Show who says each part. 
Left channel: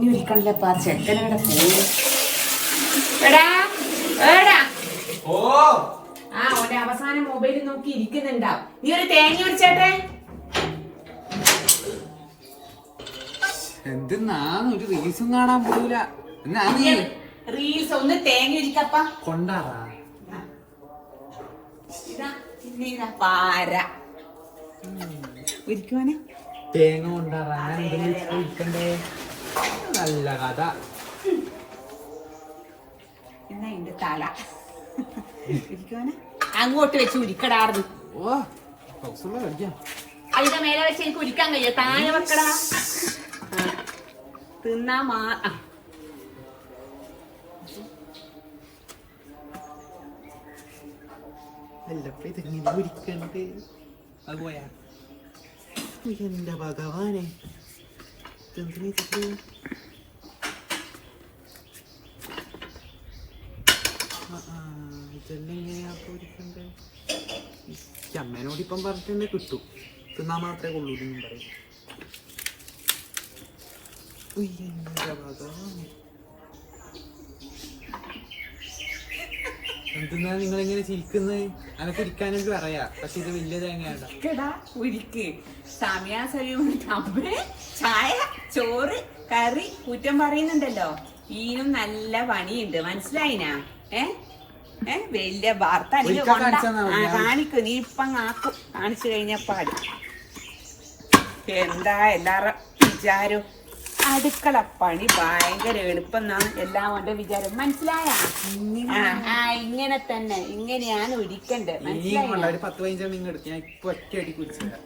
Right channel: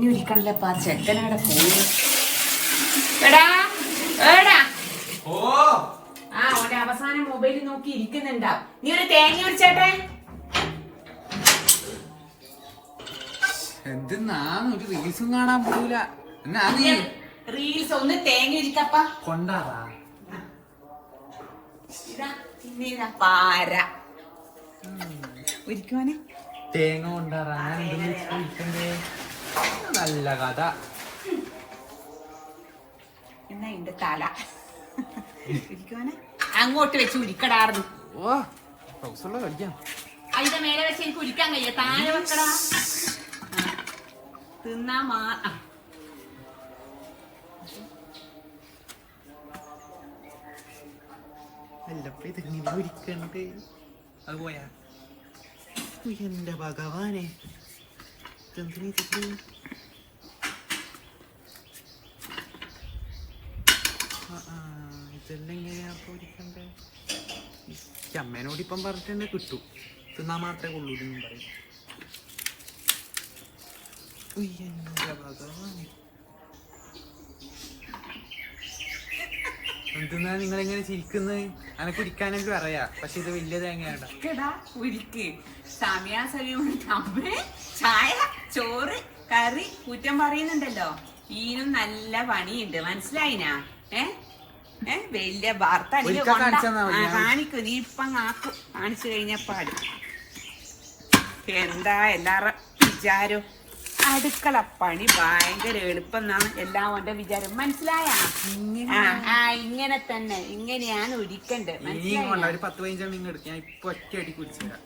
Speaker 1: തേങ്ങ വിൽക്കണല്ലപ്പാ ചെക്കനവിടെ പോയി. എടാ എടാ.
Speaker 2: ഓ.
Speaker 1: ആ ഓന്റെ അവസാനം മൊബൈൽ നോക്കി ഇരിക്കുന്നുണ്ടാവും നീ ഒരു തേങ്ങ വിളിച്ചോട്ടെ
Speaker 2: എന്തിനാന്ന് ഒരു റീൽസും കാണാൻ പോകൂല എന്നാ നീ?
Speaker 1: റീൽസ് ഒന്ന് തേങ്ങ ഇരിക്കപ്പ. ഇതാ പാര. ഒരിക്കുവാനെ
Speaker 2: തേങ്ങ കൊണ്ടാറാ ഞാൻ എന്തെങ്കിലും ചോദിക്കണ്ടേ നല്ല കഥ.
Speaker 1: എന്നാ തല. അങ്ങോട്ട് വെച്ച് ഉരിക്കടാർന്നു.
Speaker 2: ഓ ഹൗസുള്ള കളിക്കാം
Speaker 1: അതിന്റെ മേലെ വെച്ച് എനിക്ക് ഉരിക്കാൻ കഴിയോ? താഴെ വെക്കടാ. തിന്നാ മാ
Speaker 2: അത് പോയാ. എന്റെ ഭഗവാനെ. ഇതെന്തിനാ ഇതൊക്കെ? ആ, ആ, ഇതെല്ലാം എങ്ങനെയാ? ഈ അമ്മേനോട് ഇപ്പം പറഞ്ഞിട്ടുണ്ടെ കിട്ടും തിന്നാ മാത്രമേ കൊള്ളൂ എന്നും പറയും നിങ്ങൾ ഇങ്ങനെ ചിരിക്കുന്നത് അങ്ങനെ കുടിക്കാനൊക്കെ പറയാ. പക്ഷെ ഇത് വലിയ തേങ്ങയാണ്.
Speaker 1: ഉരിക്ക്. സമയാ സമയം അമ്മേ ചായ ചോറ് കറി കുറ്റം പറയുന്നുണ്ടല്ലോ. ഈനും നല്ല പണിയുണ്ട്. മനസ്സിലായിനാ? ഏ? ഏ? വലിയ വാർത്ത കാണിക്കും. നീ ഇപ്പം ആക്കും കാണിച്ചു കഴിഞ്ഞപ്പാട് എന്താ എല്ലാരും വിചാരം? അടുക്കള പണി ഭയങ്കര എളുപ്പം എന്നാണ് എല്ലാവരുടെ വിചാരം. മനസ്സിലായ? ആ ഇങ്ങനെ തന്നെ. ഇങ്ങനെയാണ് ഒരിക്കണ്ടേ മനസ്സിലായി?
Speaker 2: ഒരു പത്ത് എടുത്ത് ഞാൻ ഇപ്പൊ ഒറ്റ അടി കുടിച്ചുതരാം